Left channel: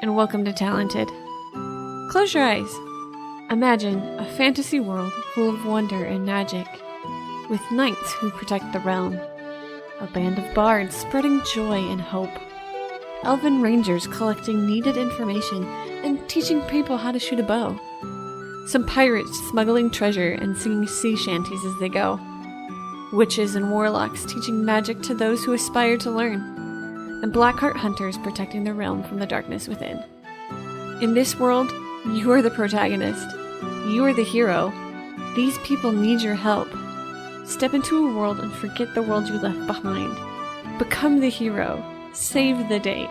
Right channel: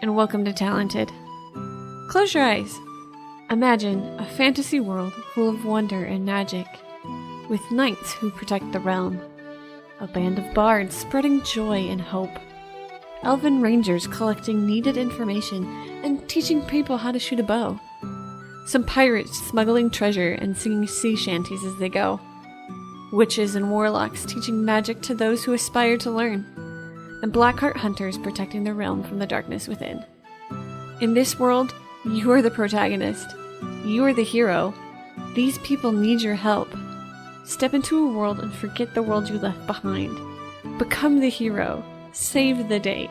and welcome to Talented. Close your eyes. Imagine a fantasy world full of wonder and magic, with knights who protect the realm, a band of bards spreading joy and hope, elven rangers collecting needed information and teaching people how to shoot a bow, some pirates smuggling treasure and singing sea shanties as they go, witches and warlocks teaching magic to those who aspire to learn, and blackheart hunters protecting the realm from the darkness within. In this world, you are the protagonist. You are the hero. These people need your help. Step into a world and forget the world you left behind. Become the hero. Save the day.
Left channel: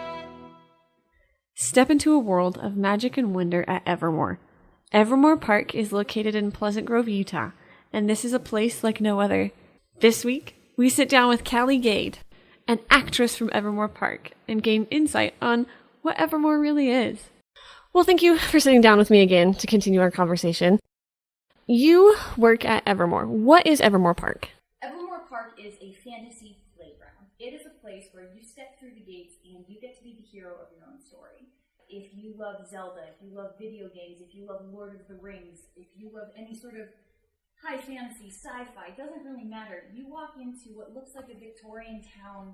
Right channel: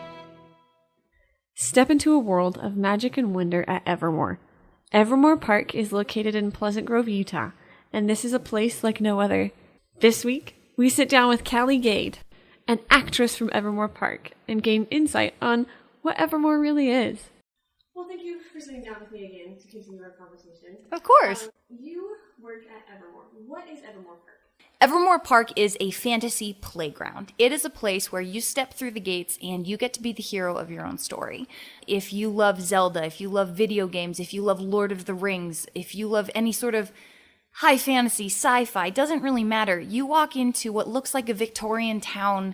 Step into a world of magic and wonder at Evermore. Evermore Park is located in Pleasant Grove, Utah, and this is a place like no other. This week, we sit down with Calli Gade, an actress from Evermore Park, and gain insight on what Evermore really is. Well, thank you for sitting down with me again to continue our conversation. Of course. You work at Evermore. What is Evermore Park? Evermore Park is a fantasy playground. It is a place where you step through the gates and you get to be the hero of your own story. If you love Zelda, if you love video games, if you love Lord of the Rings, if you love any sort of high fantasy, sci-fi, doesn't really matter. You walk into what looks like a Victorian town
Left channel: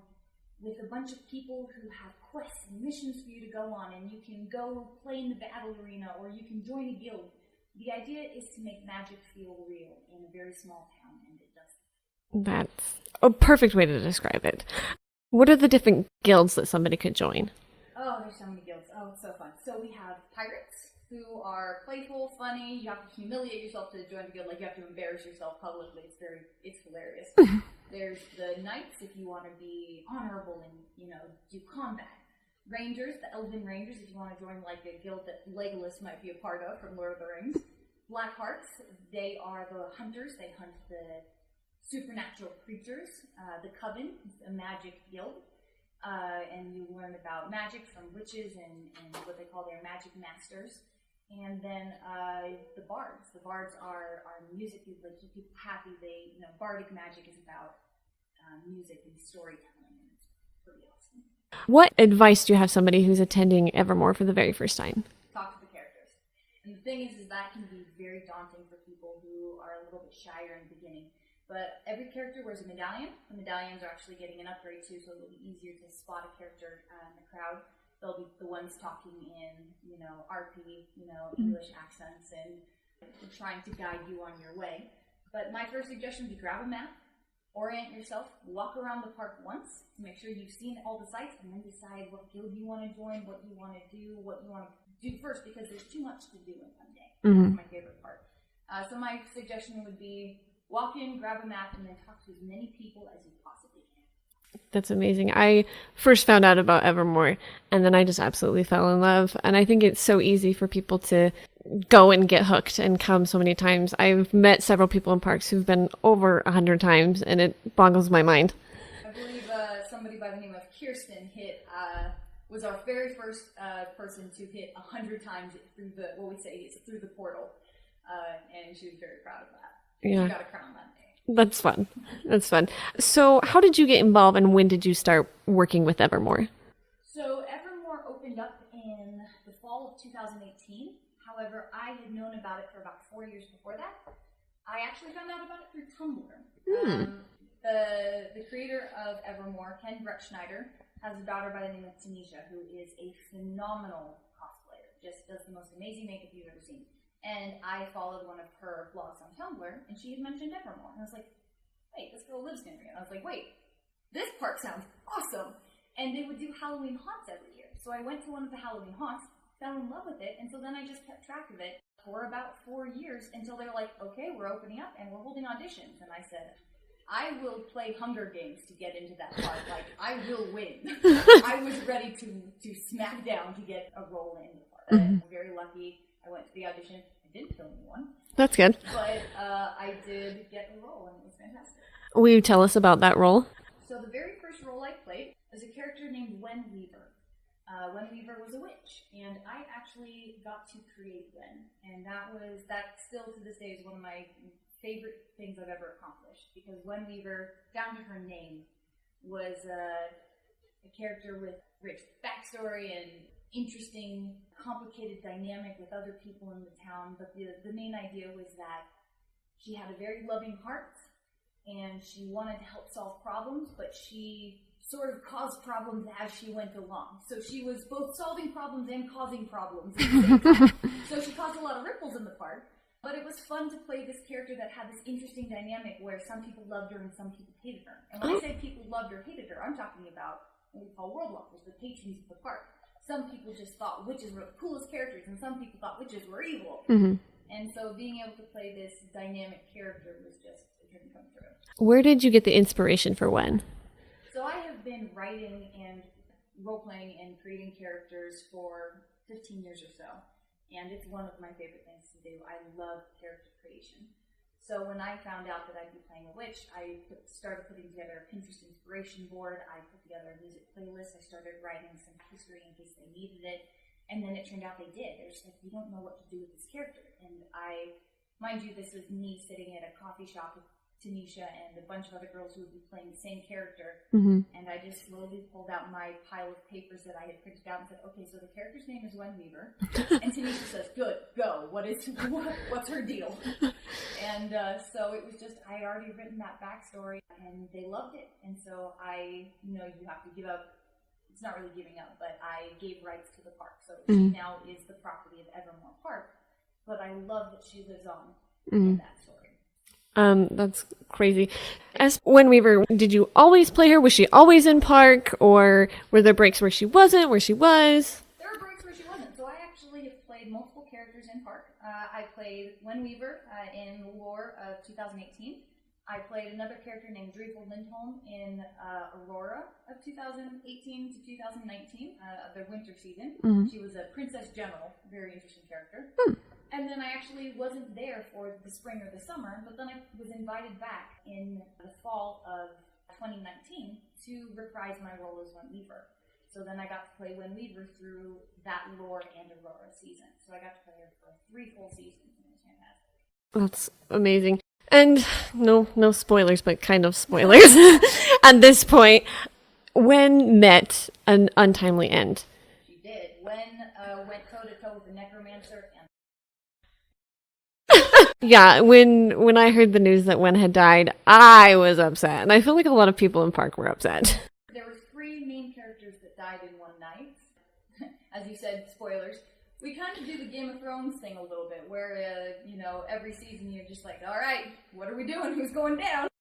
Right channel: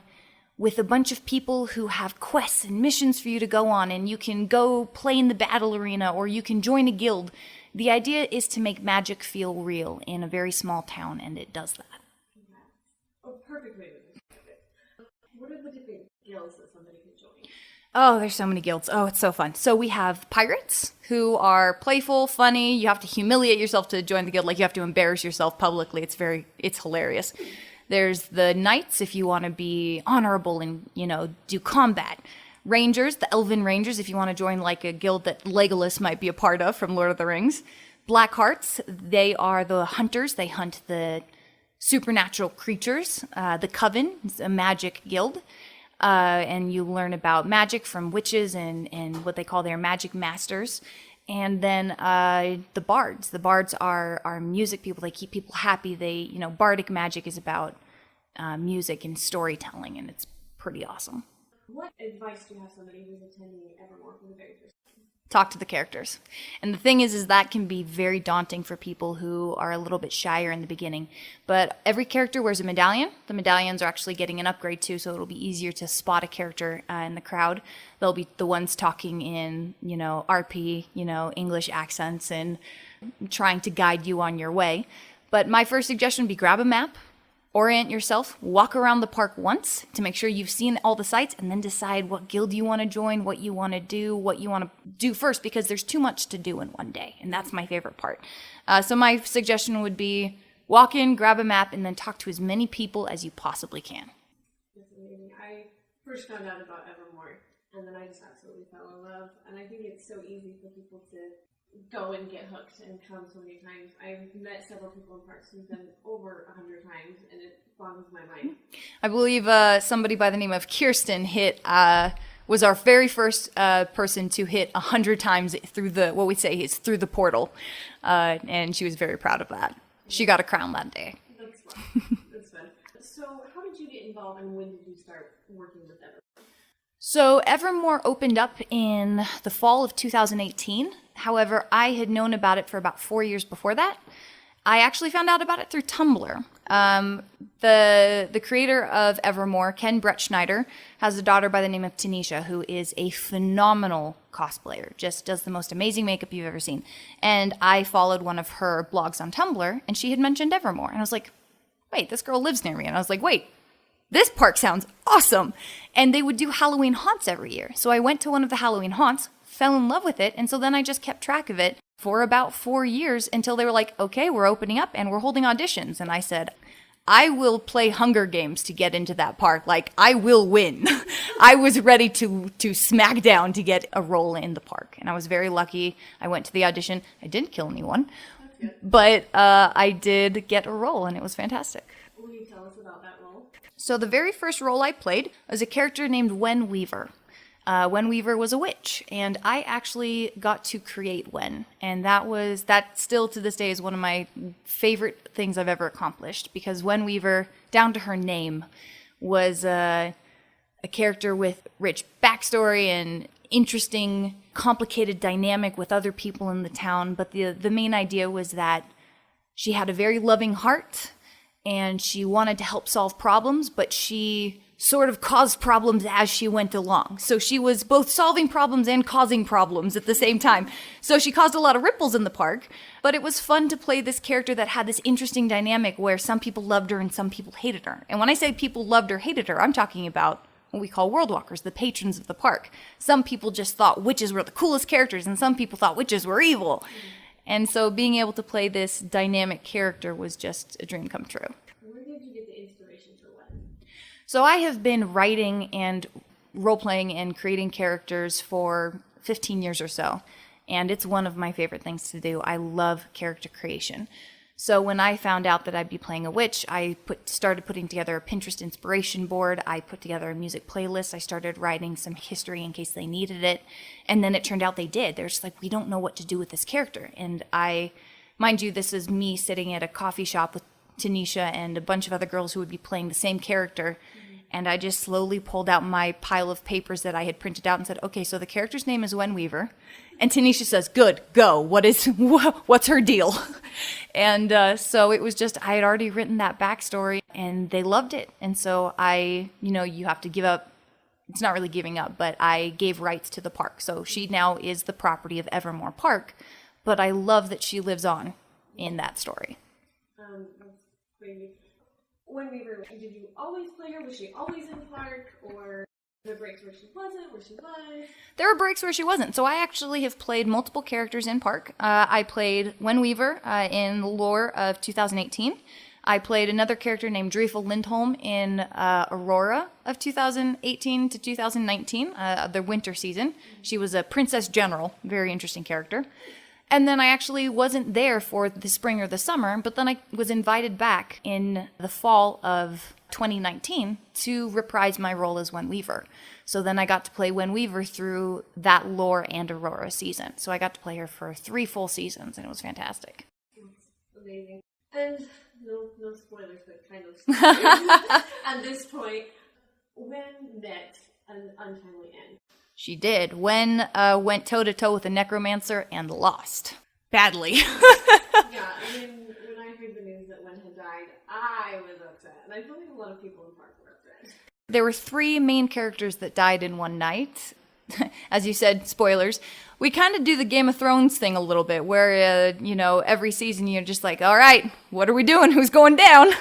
with a bunch of people who have quests and missions for you to go on, and you can go play in the battle arena or you can join a guild. The idea is to make magic feel real in a very small town, and it does that. That's a perfect way to describe it. What are the different guilds that somebody could join? Oh, there's so many guilds. Oh, it's so fun. So we have pirates who are playful, funny. You have to humiliate yourself to join the guild. Like, you have to embarrass yourself publicly. It's hilarious. There's the knights if you want to be honorable and, do combat. Rangers, the elven rangers, if you want to join like a guild that Legolas might be a part of from Lord of the Rings. Blackhearts, they are the hunters. They hunt the supernatural creatures. The Coven is a magic guild. And you learn about magic from witches and what they call their magic masters. And then the bards. The bards are music people. They keep people happy. Bardic magic is about music and storytelling, and it's pretty awesome. What advice do you have somebody who's attending Evermore for the very first time? Talk to the characters. And the thing is that can be very daunting for people who are a little bit shyer in the beginning. But every character wears a medallion. The medallions are actually getting an upgrade too, so it'll be easier to spot a character in the crowd. They'll be the ones talking in, RP, English accents and trying to guide you on your way. But my first suggestion would be grab a map. Orient yourself, walk around the park once to make sure you've seen all the sites, and then decide what guild you want to join, what you want to do first, because there's too much to do in one day, and that's my favorite part. So my suggestion would be walk in, grab a map, and then talk to as many people as you possibly can. That's amazing. I first found out about Evermore, and then I just absolutely fell in love. And I think it's so easy for people to go and get hooked and come so many times. I've met several people in parks who've been over 100 times, and it boggles my mind. I believe somebody by the name of Kirsten was our very first person to hit 100 times through through the portal, and she was very proud of that. Yeah. She got a crown that day. That's fun. That's fun. So how did you get involved, and when did you start working with Evermore? So Evermore opened up in the fall of 2018. However, I had known about it for about 4 years before that. I actually found out about it through Tumblr. The creator of Evermore, Ken Brett Schneider, has a daughter by the name of Tanisha, who is a phenomenal cosplayer, just does the most amazing makeup you've ever seen. And I followed one of her blogs on Tumblr, and she had mentioned Evermore. And I was like, wait, this girl lives near me. And I was like, wait, this park sounds awesome. And they would do Halloween haunts every year. So I went to one of the Halloween haunts, fell in love with it, and so then I just kept track of it for about 4 years until they were like, okay, we're opening up and we're holding auditions. And I said, I will play Hunger Games to get into that park. Like, I will win. I was ready to smack down to get a role in the park. And I was very lucky. I went to the audition. I didn't kill anyone. That's good. But I did get a role, and it was fantastic. Will you tell us about that role? So the very first role I played was a character named Wever. Wever was a witch, and I actually got to create Wen, and that still to this day is one of my favorite things I've ever accomplished, because Wever, down to her name, was a character with rich backstory and interesting, complicated dynamic with other people in the town. But the main idea was that she had a very loving heart and she wanted to help solve problems, but she sort of caused problems as she went along. So she was both solving problems and causing problems at the same time. So she caused a lot of ripples in the park, but it was fun to play this character that had this interesting dynamic where some people loved her and some people hated her. And when I say people loved or hated her, I'm talking about what we call world walkers, the patrons of the park. Some people just thought witches were the coolest characters, and some people thought witches were evil. Mm-hmm. And so being able to play this dynamic character was just a dream come true. Where did you get the inspiration for Wen? So I have been writing and role-playing and creating characters for 15 years or so, and it's one of my favorite things to do. I love character creation. So when I found out that I'd be playing a witch, I started putting together a Pinterest inspiration board. I put together a music playlist. I started writing some history in case they needed it, and then it turned out they did. They're just like, we don't know what to do with this character. And mind you, this is me sitting at a coffee shop with Tanisha and a bunch of other girls who would be playing the same character. Mm-hmm. And I just slowly pulled out my pile of papers that I had printed out and said, okay, so the character's name is Wever. And Tanisha says, good, go. What's her deal? And so it was just, I had already written that backstory and they loved it. And so you have to give up. It's not really giving up, but I gave rights to the park. So she now is the property of Evermore Park, but I love that she lives on in that story. That's crazy. As Wever, did you always play her? Was she always in park, or were there breaks where she wasn't, where she was? There were breaks where she wasn't. So I actually have played multiple characters in park. I played Wever in the lore of 2018. I played another character named Reva Lindholm in Aurora of 2018 to 2019, the winter season. Mm-hmm. She was a princess general, very interesting character. And then I actually wasn't there for the spring or the summer, but then I was invited back in the fall of 2019 to reprise my role as Wever. So then I got to play Wever through that lore and Aurora season. So I got to play her for 3 full seasons, and it was fantastic. That's amazing. And no spoilers, but kind of spoilers at this point. Wen met an untimely end. She did. Wen went toe-to-toe with a necromancer and lost. Badly. Yeah, when I heard the news that Wen had died, I was upset. And I feel like a lot of people in park were upset. There were 3 main characters that died in one night. As you said, spoilers. We kind of do the Game of Thrones thing a little bit, where, every season you're just like, all right, what are we doing? Who's going down?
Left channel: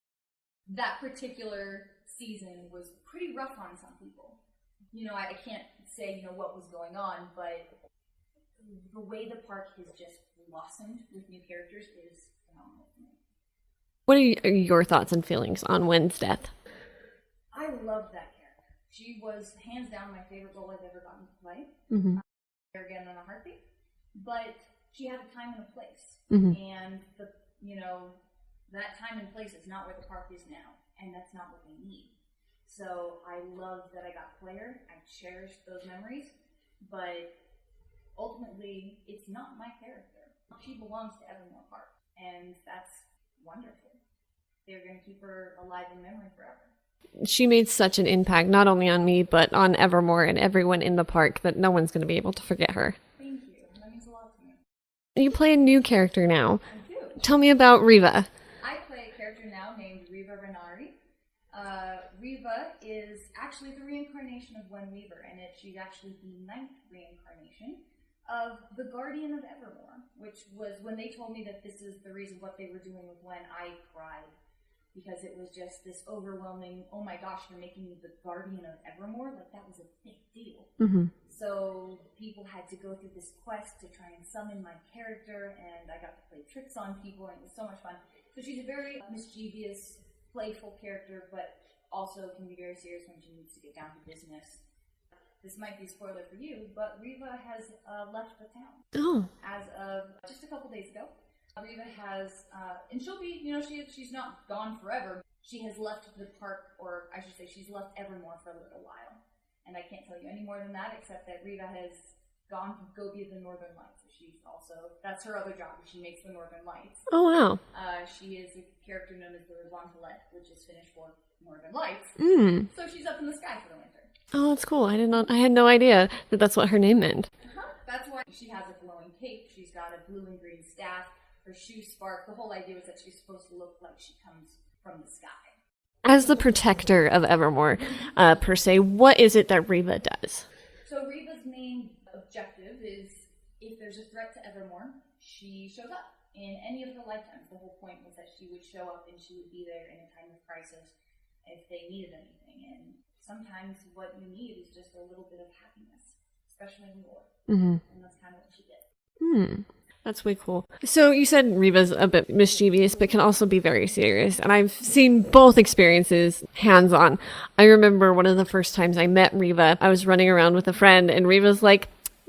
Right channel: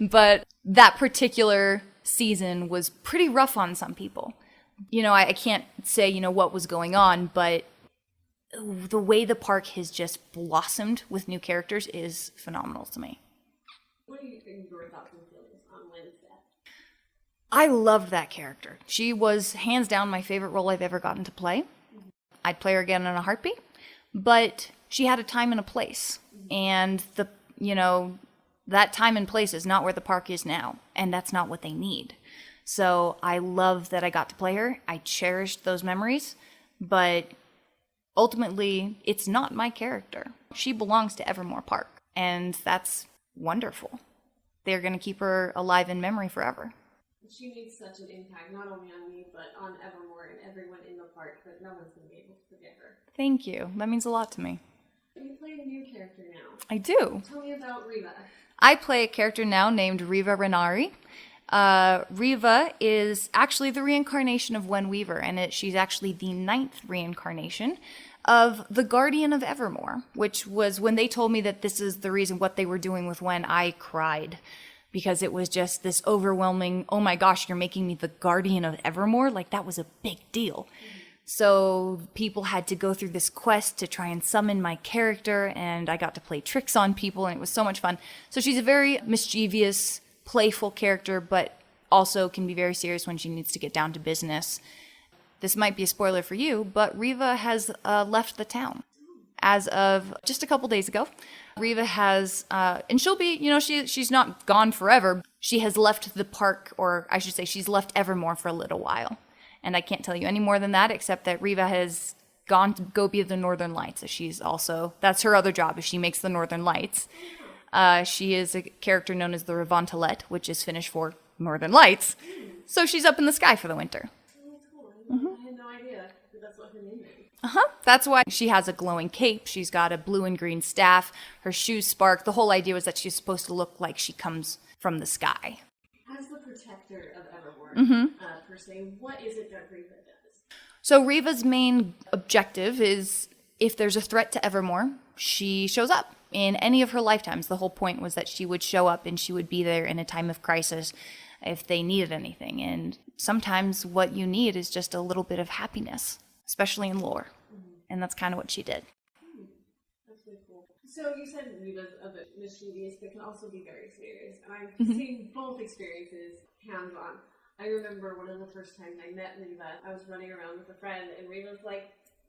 But that particular season was pretty rough on some people. I can't say, what was going on, but the way the park has just blossomed with new characters is phenomenal to me. What are your thoughts and feelings on Wen's death? I loved that character. She was hands down my favorite role I've ever gotten to play. Mm-hmm. I'd play her again in a heartbeat, but she had a time and a place. Mm-hmm. And that time and place is not where the park is now, and that's not what they need. So I love that I got to play her. I cherished those memories, but ultimately, it's not my character. She belongs to Evermore Park, and that's wonderful. They're going to keep her alive in memory forever. She made such an impact, not only on me, but on Evermore and everyone in the park, that no one's going to be able to forget her. Thank you. That means a lot to me. You play a new character now. I do. Tell me about Reva. I play a character now named Reva Renari. Reva is actually the reincarnation of Wever, and she's actually the 9th reincarnation of the Guardian of Evermore, which was when they told me that this is the reason what they were doing with Wen, I cried. Because it was just this overwhelming, oh my gosh, you're making me the Guardian of Evermore? Like, that was a big deal. Mm-hmm. So people had to go through this quest to try and summon my character, and I got to play tricks on people, and it was so much fun. So she's a very mischievous, playful character, but also can be very serious when she needs to get down to business. This might be a spoiler for you, but Reva has left the town as of just a couple days ago. Reva has, and she'll be, she's not gone forever. She has left the park, or I should say she's left Evermore for a little while. And I can't tell you any more than that, except that Reva has gone to go be the Northern Lights. So she's also, that's her other job, is she makes the Northern Lights. Oh, wow. She is a character known as the Revantalette, which is Finnish for Northern Lights. So she's up in the sky for the winter. Oh, that's cool. I had no idea that that's what her name meant. That's why she has a glowing cape. She's got a blue and green staff. Her shoes spark. The whole idea was that she's supposed to look like she comes from the sky. As the protector of Evermore, per se, what is it that Reva does? So Reva's main objective is if there's a threat to Evermore, she shows up. In any of her lifetimes, the whole point was that she would show up and she would be there in a time of crisis if they needed anything. And sometimes what you need is just a little bit of happiness, especially in lore. And that's kind of what she did. That's way cool. So you said Reva's a bit mischievous, but can also be very serious. And I've seen both experiences hands-on. I remember one of the first times I met Reva, I was running around with a friend, and Reva's like,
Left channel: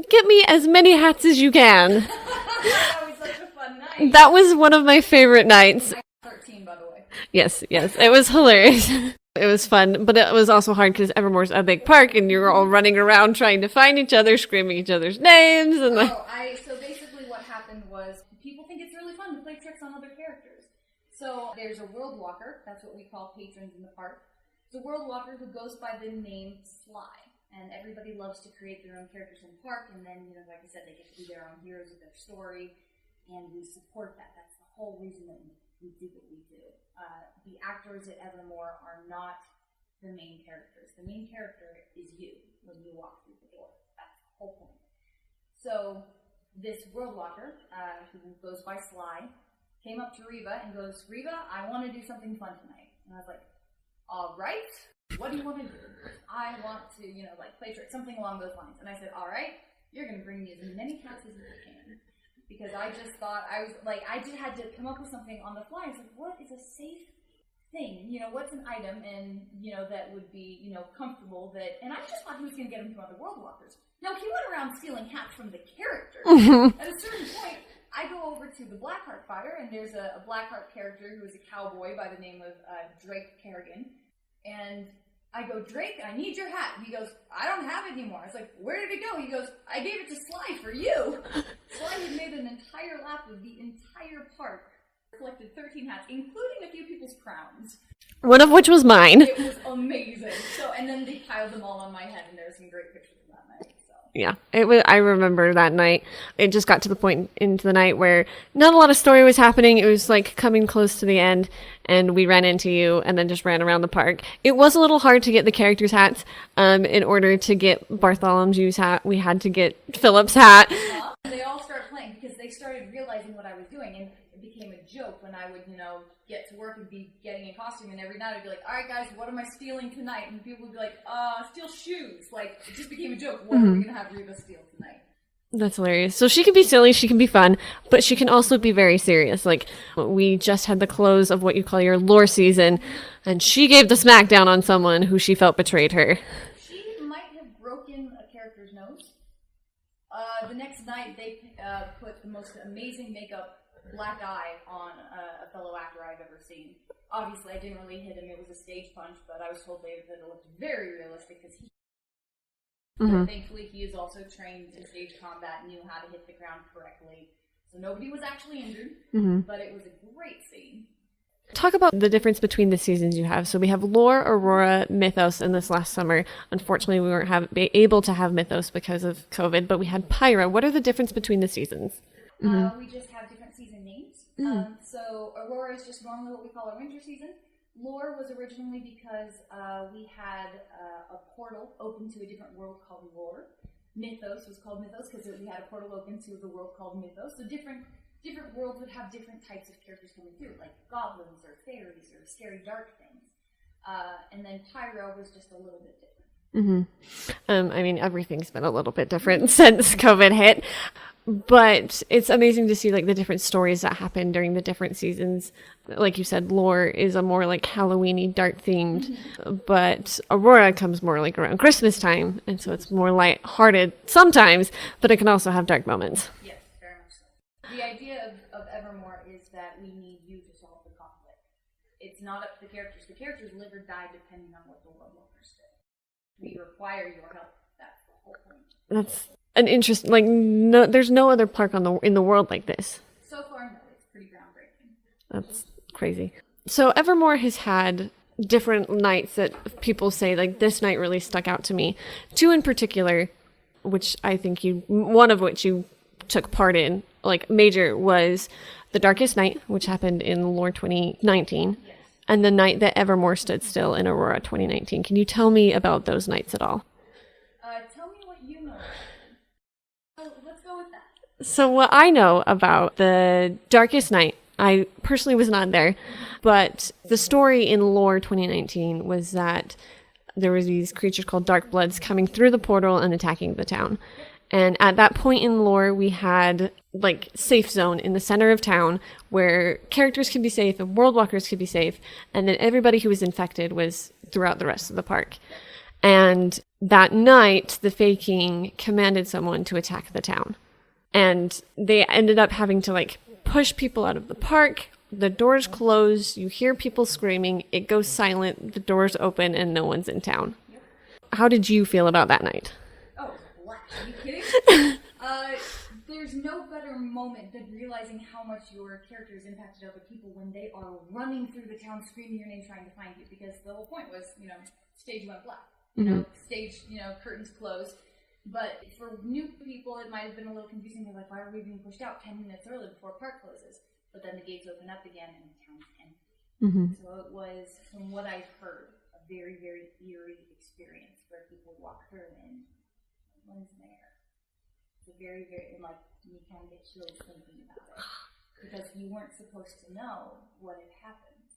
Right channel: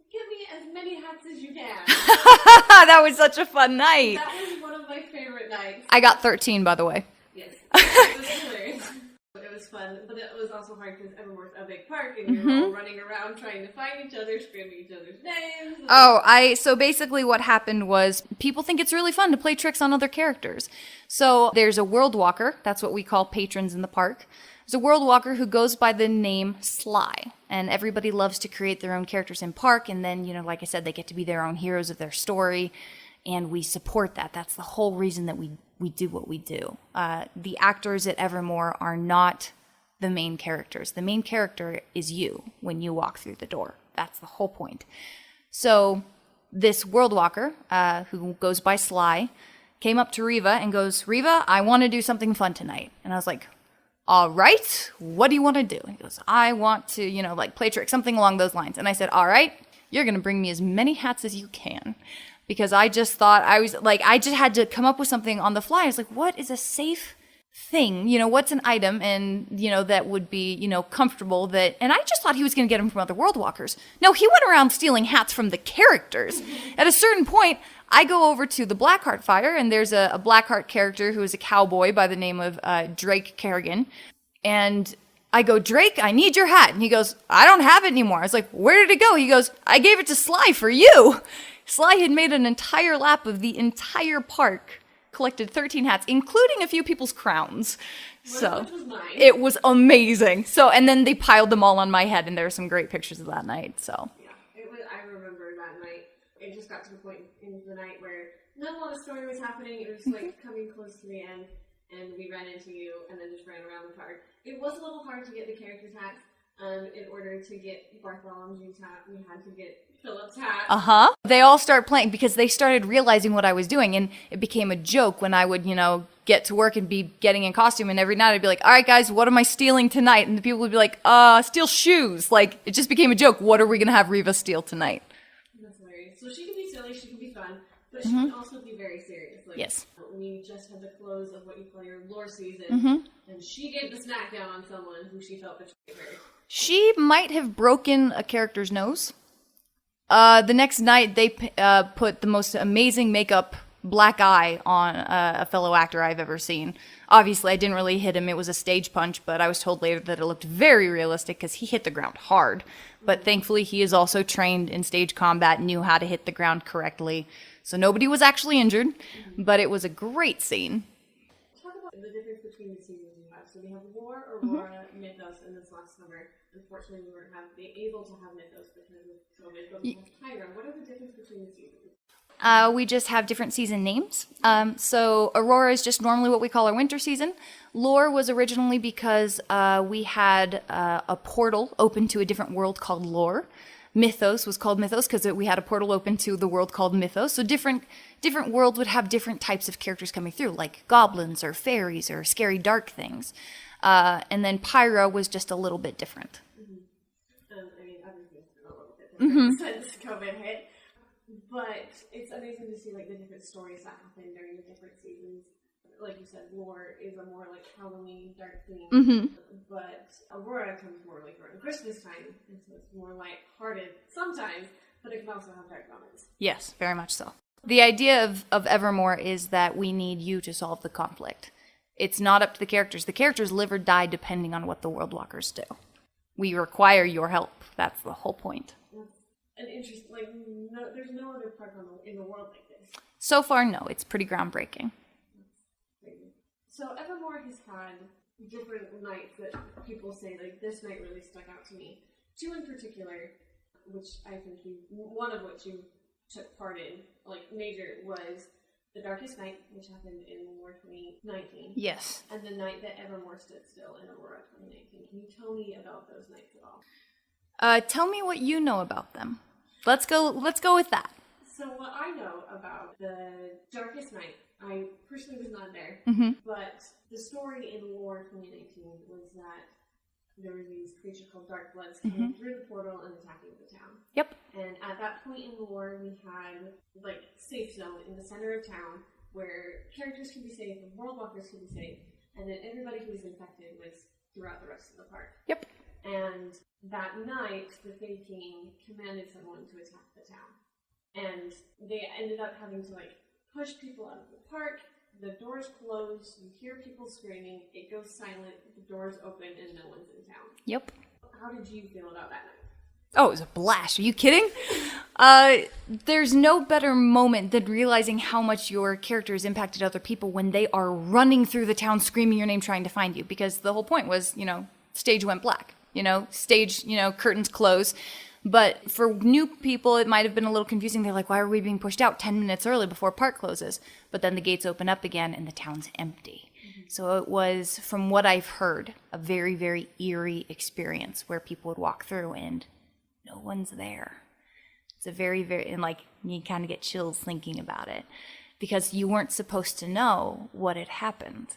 get me as many hats as you can. That was such a fun night. That was one of my favorite nights. I got 13, by the way. Yes. It was hilarious. It was fun, but it was also hard because Evermore's a big park and you're all running around trying to find each other, screaming each other's names. And So basically what happened was people think it's really fun to play tricks on other characters. So there's a world walker. That's what we call patrons in the park. There's a world walker who goes by the name Sly. And everybody loves to create their own characters in park. And then, like I said, they get to be their own heroes of their story. And we support that. That's the whole reason that we do what we do. The actors at Evermore are not the main characters. The main character is you when you walk through the door. That's the whole point. So this world walker, who goes by Sly, came up to Reva and goes, Reva, I want to do something fun tonight. And I was like, all right, what do you want to do? He goes, I want to, play tricks, something along those lines. And I said, all right, you're going to bring me as many hats as you can. Because I just thought I just had to come up with something on the fly. I was like, what is a safe thing? What's an item and, that would be, comfortable and I just thought he was going to get them from other world walkers. No, he went around stealing hats from the characters. At a certain point, I go over to the Blackheart Fire and there's a Blackheart character who is a cowboy by the name of Drake Kerrigan. And I go, Drake, I need your hat. And he goes, I don't have it anymore. I was like, where did it go? He goes, I gave it to Sly for you. Sly had made an entire lap of the entire park, collected 13 hats, including a few people's crowns. One of which was mine. It was amazing. And then they piled them all on my head, and there are some great pictures of that night. So yeah, I remember that night. It just got to the point into the night where not a lot of story was happening. It was like coming close to the end, and we ran into you, and then just ran around the park. It was a little hard to get the characters' hats. In order to get Bartholomew's hat, we had to get Philip's hat. They all start playing because they started realizing what I was doing, and it became a joke when I would, get to work and be getting in costume, and every night I'd be like, all right guys, what am I stealing tonight? And the people would be like, steal shoes. Like, it just became a joke. What are we gonna have Reva steal tonight? That's hilarious. So she can be silly, she can be fun, but she can also be very serious. Like, we just had the close of what you call your lore season, and she gave the smackdown on someone who she felt betrayed her. She might have broken a character's nose. The next night, they put the most amazing makeup black eye on a fellow actor I've ever seen. Obviously, I didn't really hit him. It was a stage punch, but I was told later that it looked very realistic because he hit the ground hard. But thankfully, he is also trained in stage combat, knew how to hit the ground correctly. So nobody was actually injured, but it was a great scene. Talk about the difference between the seasons you have. So we have Lore, Aurora, Mythos, and this last summer, unfortunately, we weren't able to have Mythos because of COVID, but we had Pyra. What are the difference between the seasons? We just have different season names. So Aurora is just normally what we call our winter season. Lore was originally because we had a portal open to a different world called Lore. Mythos was called Mythos because we had a portal open to the world called Mythos. So different world would have different types of characters coming through, like goblins or fairies or scary dark things. And then Pyra was just a little bit different. I mean, everything's been a little bit different since COVID hit. But it's amazing to see like the different stories that happen during the different seasons. Like you said, Lore is a more like Halloween-y, dark themed, but Aurora comes more like around Christmas time, and so it's more light-hearted sometimes, but it can also have dark moments. Yes, very much so. The idea of Evermore is that we need you to solve the conflict. It's not up to the characters. The characters live or die depending on what the World Walkers do. We require your help. That's the whole point. That's an interest. Like, no, there's no other park in the world like this. So far, no. It's pretty groundbreaking. That's crazy. So Evermore has had different nights that people say, like, this night really stuck out to me. 2 in particular, which I think one of which you took part in, like, major, was The Darkest Night, which happened in Lore 2019. Yes. And the night that Evermore stood still in Aurora 2019. Can you tell me about those nights at all? Tell me what you know about them. Let's go with that. So what I know about The Darkest Night, I personally was not there, but the story in Lore 2019 was that there was these creatures called Dark Bloods coming through the portal and attacking the town. Yep. And at that point in Lore, we had like safe zone in the center of town where characters could be safe and world walkers could be safe, and then everybody who was infected was throughout the rest of the park. Yep. And that night, the Fae King commanded someone to attack the town. And they ended up having to like push people out of the park. The doors close. You hear people screaming. It goes silent. The doors open and no one's in town. Yep. How did you feel about that night? Oh, it was a blast. Are you kidding? There's no better moment than realizing how much your character has impacted other people when they are running through the town screaming your name trying to find you. Because the whole point was, stage went black. Stage, curtains close. But for new people, it might have been a little confusing. They're like, why are we being pushed out 10 minutes early before park closes? But then the gates open up again and the town's empty. So it was, from what I've heard, a very, very eerie experience where people would walk through and no one's there. It's a very, very, and like, you kind of get chills thinking about it because you weren't supposed to know what had happened.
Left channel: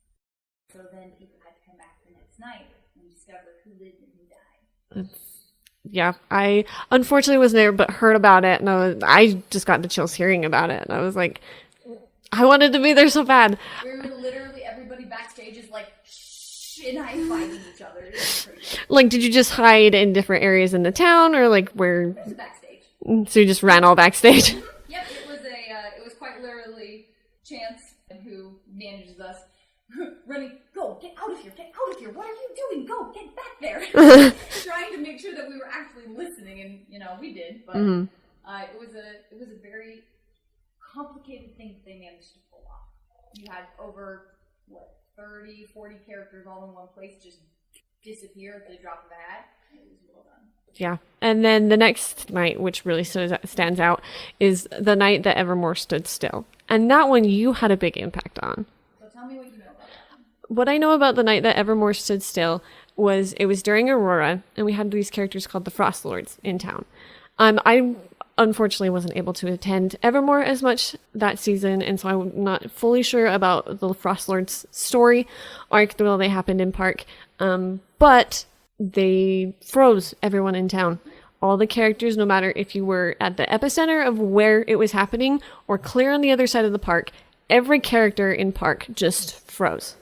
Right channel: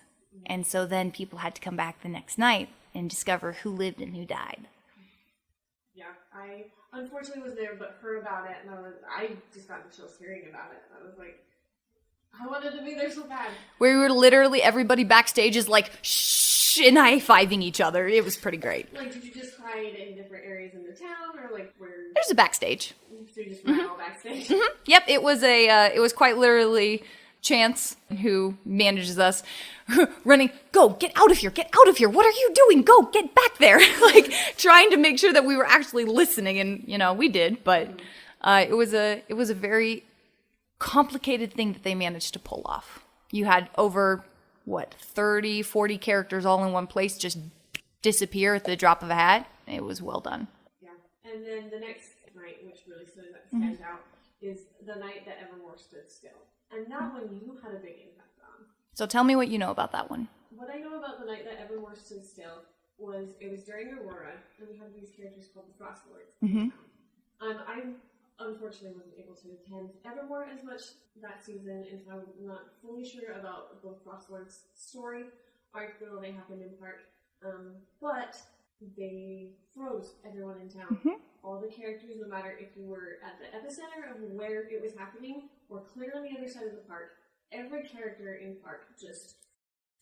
And so then people had to come back the next night and discover who lived and who died. Yeah, I unfortunately wasn't there, but heard about it, and I just got the chills hearing about it, and I was like, I wanted to be there so bad. We were literally, everybody backstage is like, shh, and high-fiving each other. It was pretty great. Like, did you just hide in different areas in the town, or like where? There's a backstage. So you just ran all backstage? Yep, it was quite literally Chance, who manages us, running, go, get out of here, what are you doing, go, get back there, like, trying to make sure that we were actually listening, and we did, but it was a very complicated thing that they managed to pull off. You had over 30, 40 characters all in one place just disappear at the drop of a hat. It was well done. Yeah. And then the next night, which really stands out, is the night that Evermore stood still. And that one you had a big impact on. So tell me what you know about that one. What I know about the night that Evermore stood still was it was during Aurora, and we had these characters called the Frost Lords in town. I unfortunately wasn't able to attend Evermore as much that season, and so I'm not fully sure about the Frost Lords story arc while they happened in park. But they froze everyone in town. All the characters, no matter if you were at the epicenter of where it was happening or clear on the other side of the park, every character in park just froze.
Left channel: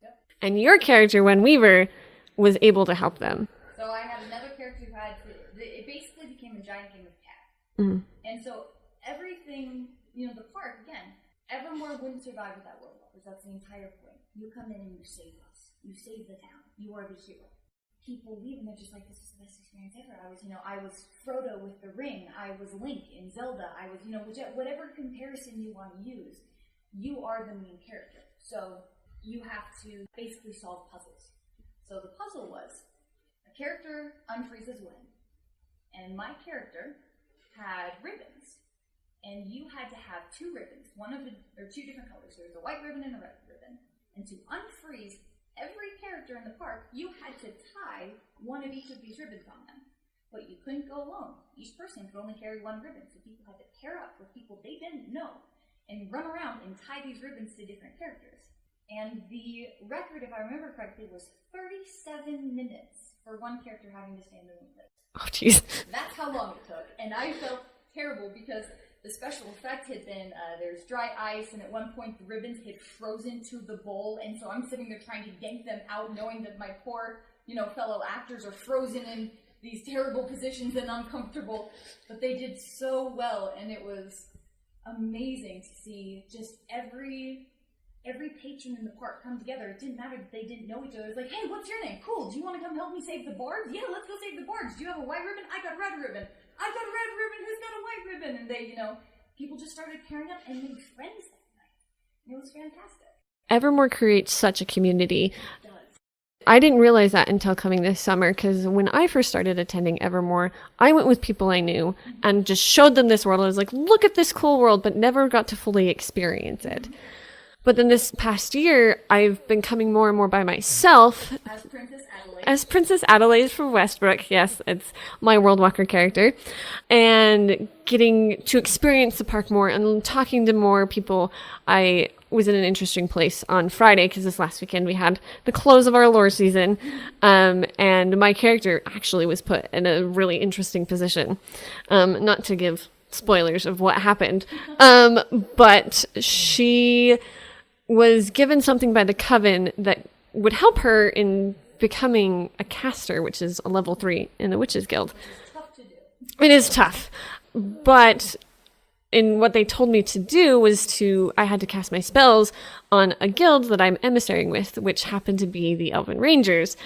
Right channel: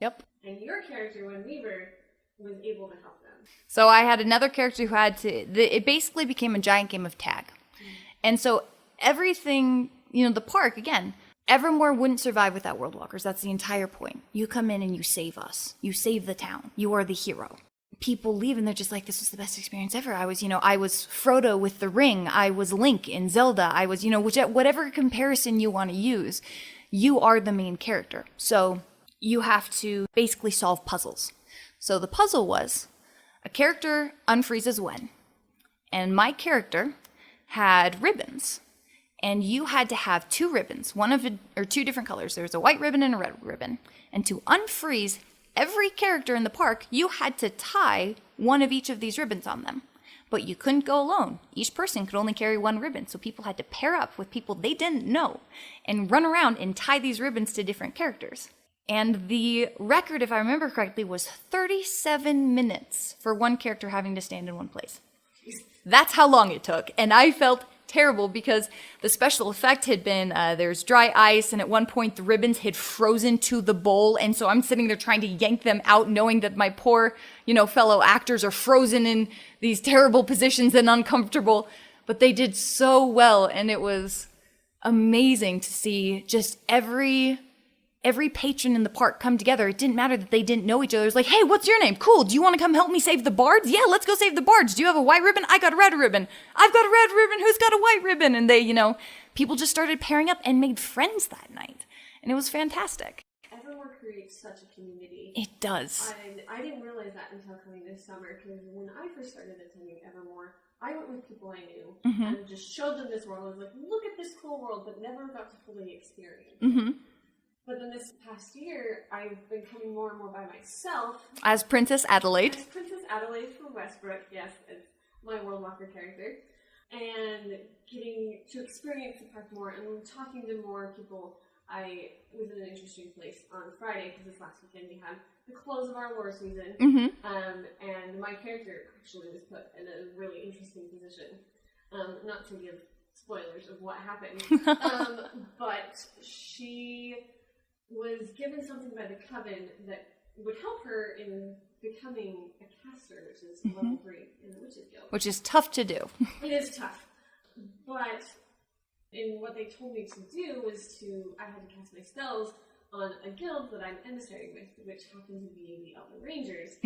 Yep. And your character, when Wever, was able to help them. So I had another character who had to, it basically became a giant game of tag. And so everything, the park, again, Evermore wouldn't survive without world walkers. That's the entire point. You come in and you save us. You save the town. You are the hero. People leave and they're just like, this was the best experience ever. I was Frodo with the ring. I was Link in Zelda. I was, whatever comparison you want to use, you are the main character. So you have to basically solve puzzles. So the puzzle was a character unfreezes when, and my character had ribbons, and you had to have 2 ribbons, or 2 different colors. There's a white ribbon and a red ribbon, and to unfreeze every character in the park, you had to tie one of each of these ribbons on them. But you couldn't go alone. Each person could only carry 1 ribbon, so people had to pair up with people they didn't know and run around and tie these ribbons to different characters. And the record, if I remember correctly, was 37 minutes for one character having to stand in one place. Oh, jeez. That's how long it took. And I felt terrible because the special effect had been there's dry ice, and at one point the ribbons had frozen to the bowl, and so I'm sitting there trying to yank them out, knowing that my poor fellow actors are frozen in these terrible positions and uncomfortable, but they did so well, and it was amazing to see just every patron in the park come together. It didn't matter that they didn't know each other. It was like, hey, what's your name? Cool. Do you want to come help me save the bards? Yeah, let's go save the bards. Do you have a white ribbon? I got a red ribbon. I've got a red ribbon. Who's got a white ribbon? And they, people just started pairing up and made friends that night. And it was fantastic. Evermore creates such a community. It does. I didn't realize that until coming this summer, because when I first started attending Evermore, I went with people I knew and just showed them this world. I was like, look at this cool world, but never got to fully experience it. But then this past year, I've been coming more and more by myself. As Princess Adelaide. As Princess Adelaide from Westbrook. Yes, it's my World Walker character. And getting to experience the park more and talking to more people. I was in an interesting place on Friday, because this last weekend we had the close of our lore season. And my character actually was put in a really interesting position. Not to give spoilers of what happened. But she was given something by the Coven that would help her in becoming a caster, which is a level 3 in the Witches Guild. Which is tough to do. It is tough. But in what they told me to do was I had to cast my spells on a guild that I'm emissarying with, which happened to be the Elven Rangers.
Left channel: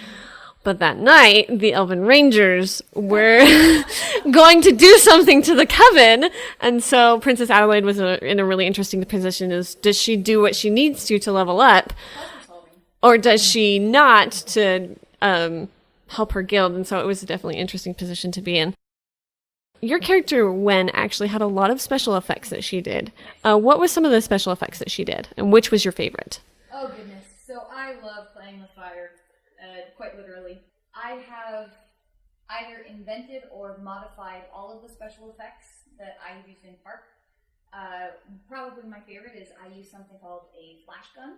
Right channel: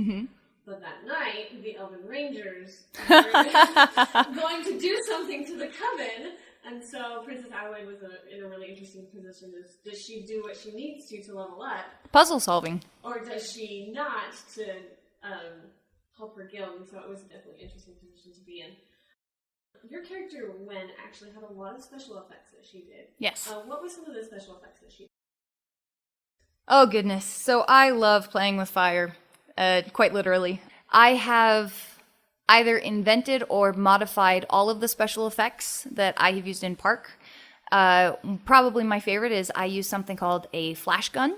But that night, the Elven Rangers were going to do something to the Coven. And so Princess Adelaide was in a really interesting position. Does she do what she needs to level up? Puzzle solving. Or does she not to help her guild? And so it was definitely an interesting position to be in. Your character, Wen, actually had a lot of special effects that she did. Yes. What was some of the special effects that she did? And which was your favorite? Oh, goodness. So I love playing with fire. Quite literally. I have either invented or modified all of the special effects that I have used in Park. Probably my favorite is I use something called a flash gun.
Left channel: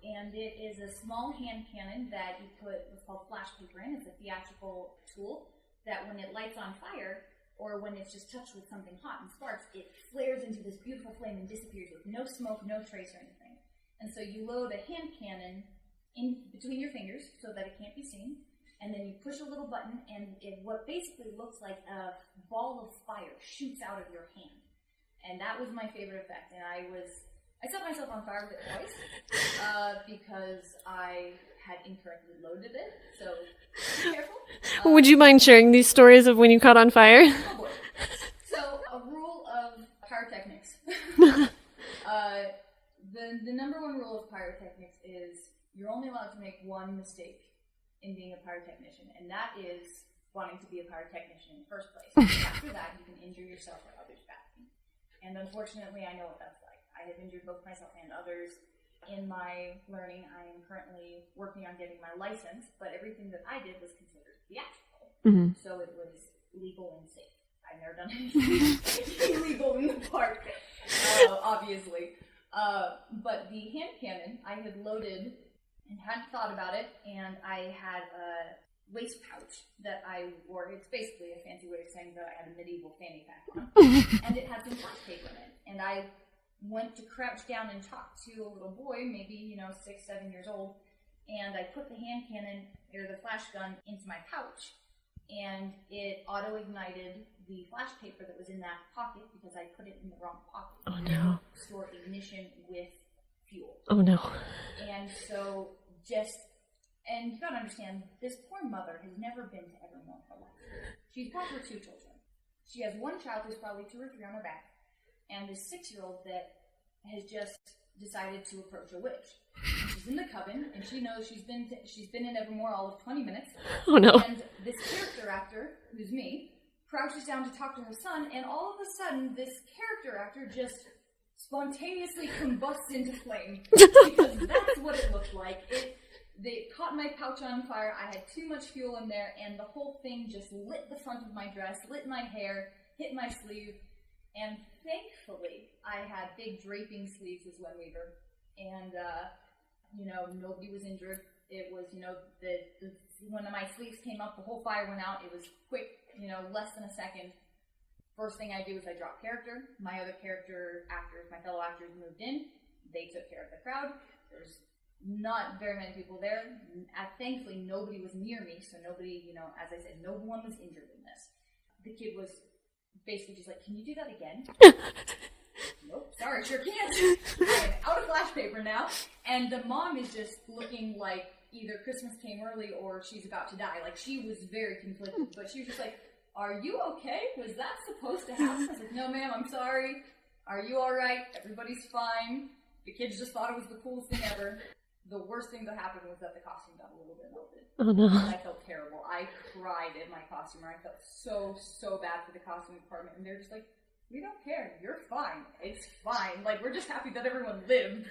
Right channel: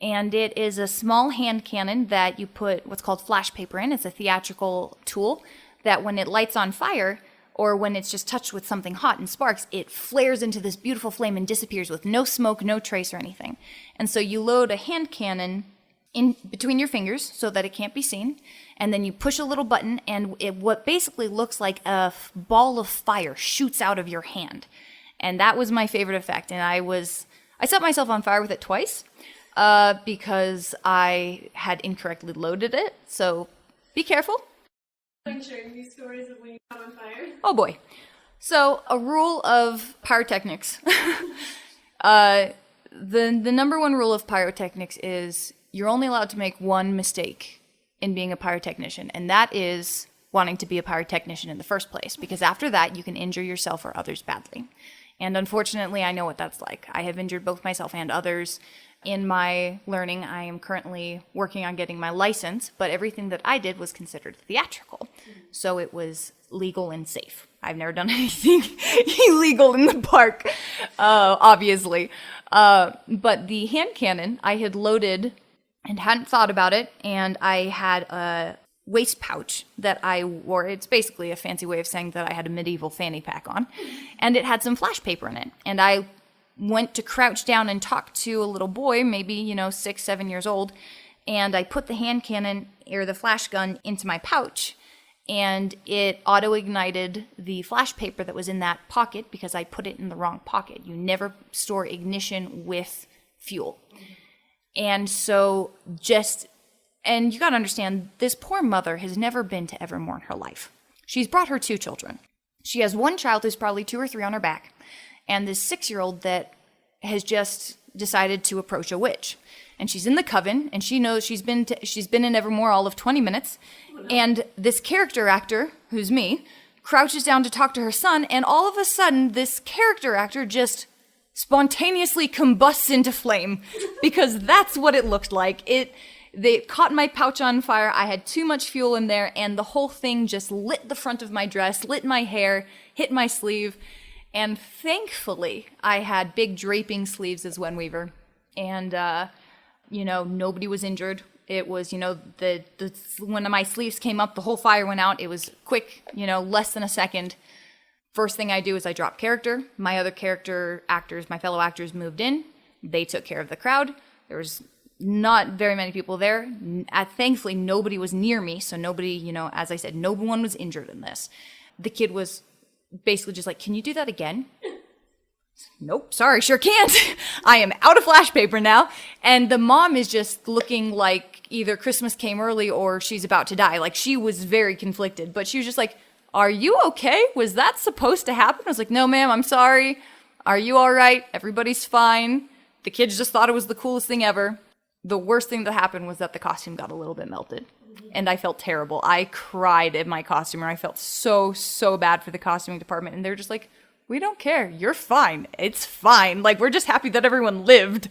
And it is a small hand cannon that you put what's called flash paper in. It's a theatrical tool that when it lights on fire, or when it's just touched with something hot and sparks, it flares into this beautiful flame and disappears with no smoke, no trace or anything. And so you load a hand cannon in between your fingers so that it can't be seen, and then you push a little button, and what basically looks like a ball of fire shoots out of your hand. And that was my favorite effect, and I set myself on fire with it twice because I had incorrectly loaded it, so be careful. Would you mind sharing these stories of when you caught on fire? Oh boy. So a rule of pyrotechnics. The number one rule of pyrotechnics is you're only allowed to make one mistake in being a pyrotechnician, and that is wanting to be a pyrotechnician in the first place, because after that you can injure yourself or others badly. And unfortunately, I know what that's like. I have injured both myself and others. In my learning, I am currently working on getting my license, but everything that I did was considered theatrical. So it was legal and safe. I've never done anything illegal in the park, obviously. But the hand cannon, I had loaded and hadn't thought about it, and I had a waist pouch that I wore. It's basically a fancy way of saying that I had a medieval fanny pack on, and it had some flash paper in it. And I went to crouch down and talk to a little boy, maybe, 6, 7 years old, and I put the hand cannon or the flash gun into my pouch, and it auto-ignited the flash paper that was in that pocket because I put it in the wrong pocket. You never store ignition with fuel. Oh, no. And so and you gotta understand, this poor mother has never been to Evermore in her life. She's brought her 2 children. She has one child who's probably 2 or 3 on her back, and this 6-year-old that has just decided to approach a witch. And she's in the Coven, and she knows she's been in Evermore all of 20 minutes. Oh, no. And this character actor, who's me, crouches down to talk to her son, and all of a sudden, this character actor just spontaneously combusts into flame, because that's what it looked like. They caught my pouch on fire. I had too much fuel in there, and the whole thing just lit the front of my dress, lit my hair, hit my sleeve. And thankfully, I had big draping sleeves as Wever. And, nobody was injured. It was, when my sleeves came up, the whole fire went out. It was quick, less than a second. First thing I do is I drop character. My other character actors, my fellow actors moved in. They took care of the crowd. There was not very many people there. Thankfully, nobody was near me. So nobody, as I said, no one was injured in this. The kid was basically just like, can you do that again? Nope, sorry, sure can't. I am out of flash paper now. And the mom is just looking like either Christmas came early or she's about to die. Like, she was very conflicted. But she was just like, are you okay? Was that supposed to happen? I was like, no, ma'am, I'm sorry. Are you all right? Everybody's fine. The kids just thought it was the coolest thing ever. The worst thing that happened was that the costume got a little bit melted. Oh, no. And I felt terrible. I cried at my costumer. I felt so bad for the costuming department. And they're just like, we don't care. You're fine. It's fine. Like, we're just happy that everyone lived.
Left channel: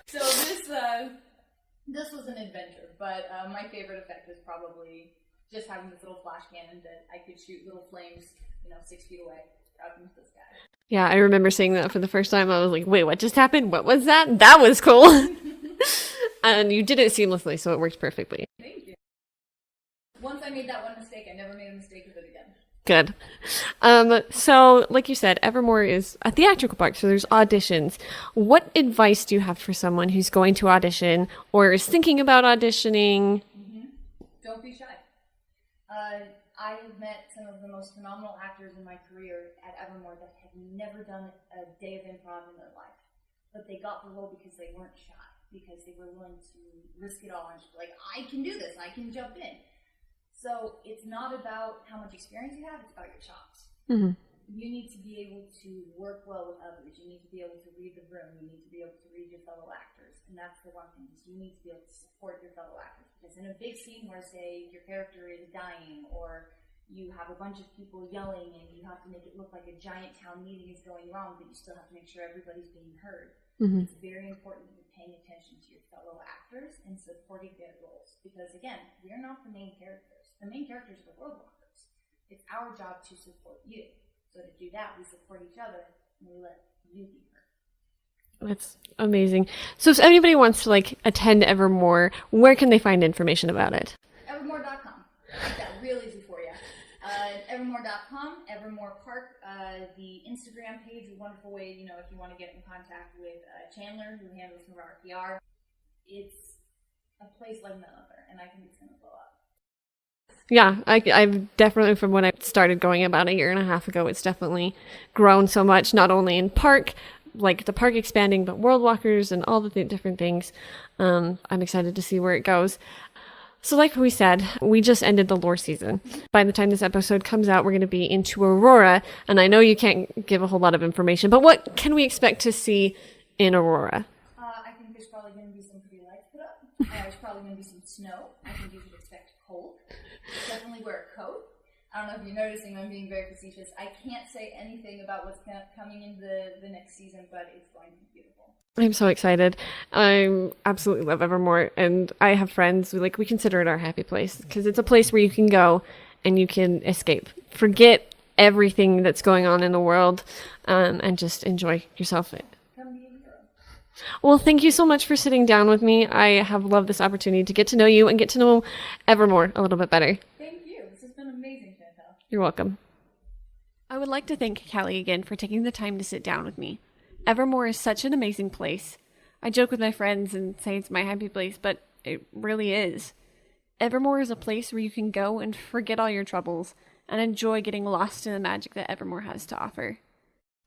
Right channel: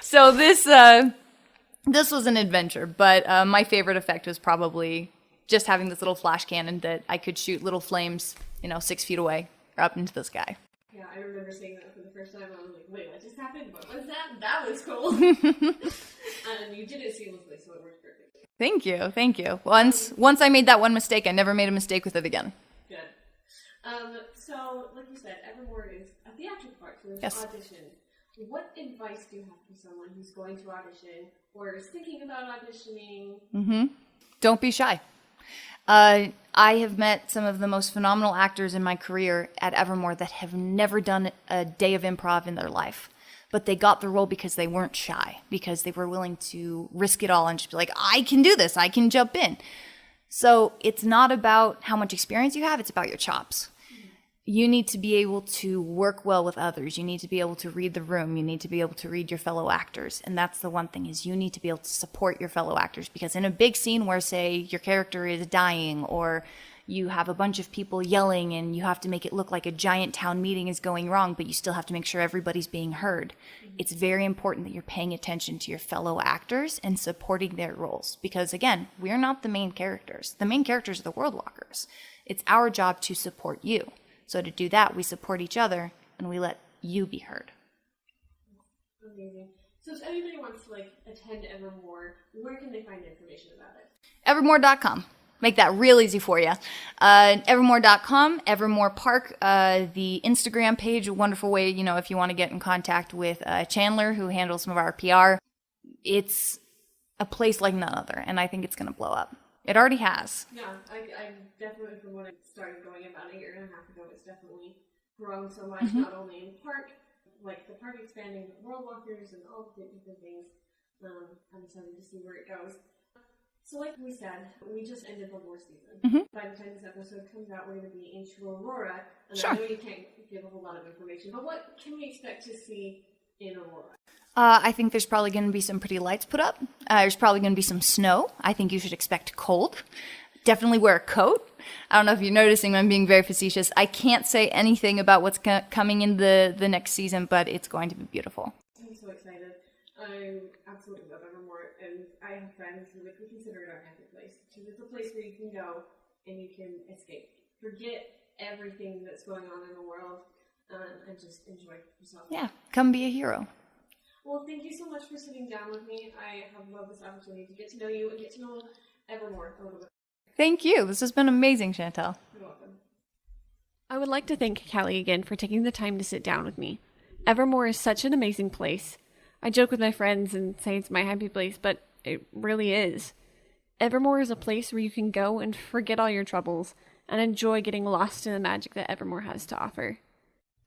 So this was an adventure. But my favorite effect was probably just having this little flash cannon that I could shoot little flames, 6 feet away or up into the sky. Yeah, I remember seeing that for the first time. I was like, wait, what just happened? What was that? That was cool. And you did it seamlessly, so it worked perfectly. Thank you. Once I made that one mistake, I never made a mistake with it again. Good. So, like you said, Evermore is a theatrical park, so there's auditions. What advice do you have for someone who's going to audition or is thinking about auditioning? Don't be shy. I have met some of the most phenomenal actors in my career at Evermore that have never done a day of improv in their life. But they got the role because they weren't shy, because they were willing to risk it all and just be like, I can do this, I can jump in. So it's not about how much experience you have, it's about your chops. Mm-hmm. You need to be able to work well with others. You need to be able to read the room. You need to be able to read your fellow actors. And that's the one thing, is you need to be able to support your fellow actors. Because in a big scene where, say, your character is dying, or you have a bunch of people yelling and you have to make it look like a giant town meeting is going wrong, but you still have to make sure everybody's being heard. Mm-hmm. It's very important that you're paying attention to your fellow actors and supporting their roles. Because, again, we're not the main characters. The main characters are the world walkers. It's our job to support you. So to do that, we support each other and we let you be heard. That's amazing. So if anybody wants to attend Evermore, where can they find information about it? Evermore.com. Make that real easy for you. Evermore.com, Evermore Park, the Instagram page, a wonderful way, if you want to get in contact with Chandler, who handles some of our PR. It's a place like none other, and I think it's going to blow up. It already has. Yeah, I've definitely, from when I started going about a year and a half ago, it's definitely grown so much, not only in park, like the park expanding, but world walkers and all the different things. I'm excited to see where it goes. So like we said, we just ended the lore season. Mm-hmm. By the time this episode comes out, we're going to be into Aurora. And sure. I know you can't give a whole lot of information, but what can we expect to see in Aurora? I think there's probably going to be some pretty lights put up. There's probably going to be some snow. I think you should expect cold. Definitely wear a coat. I don't know if you're noticing, I'm being very facetious. I can't say anything about what's coming in the next season, but it's going to be beautiful. I'm so excited. I absolutely love Evermore, and I have friends we consider it our happy place, because it's a place where you can go and you can escape, forget everything that's going on in the world, and just enjoy yourself. Yeah, come be a hero. Well, thank you so much for sitting down with me. I have loved this opportunity to get to know you and get to know Evermore a little bit better. Thank you. This has been amazing, Chantel. You're welcome. I would like to thank Calli again for taking the time to sit down with me. Evermore is such an amazing place. I joke with my friends and say it's my happy place, but it really is. Evermore is a place where you can go and forget all your troubles and enjoy getting lost in the magic that Evermore has to offer.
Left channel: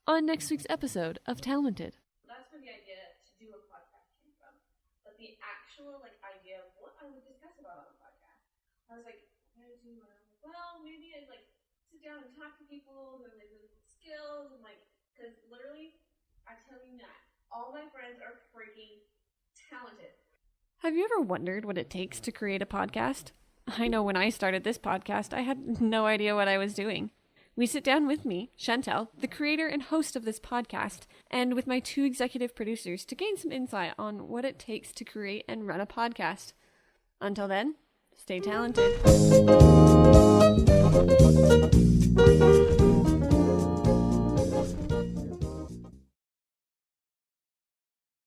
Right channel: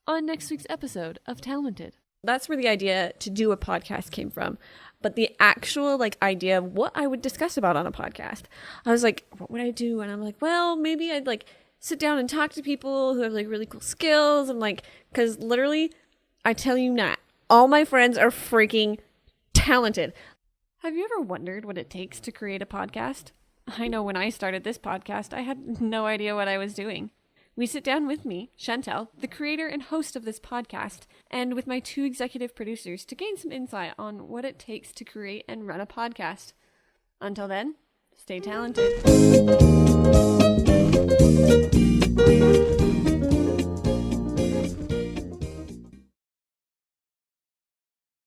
On next week's episode of Talented. That's where the idea to do a podcast came from. But the actual idea of what I would discuss about on a podcast, I was like, what would I do? And I'm like, well, maybe I'd sit down and talk to people who have really cool skills. And because literally, I tell you not, all my friends are freaking talented. Have you ever wondered what it takes to create a podcast? I know when I started this podcast, I had no idea what I was doing. We sit down with me, Chantel, the creator and host of this podcast, and with my 2 executive producers to gain some insight on what it takes to create and run a podcast. Until then, stay talented.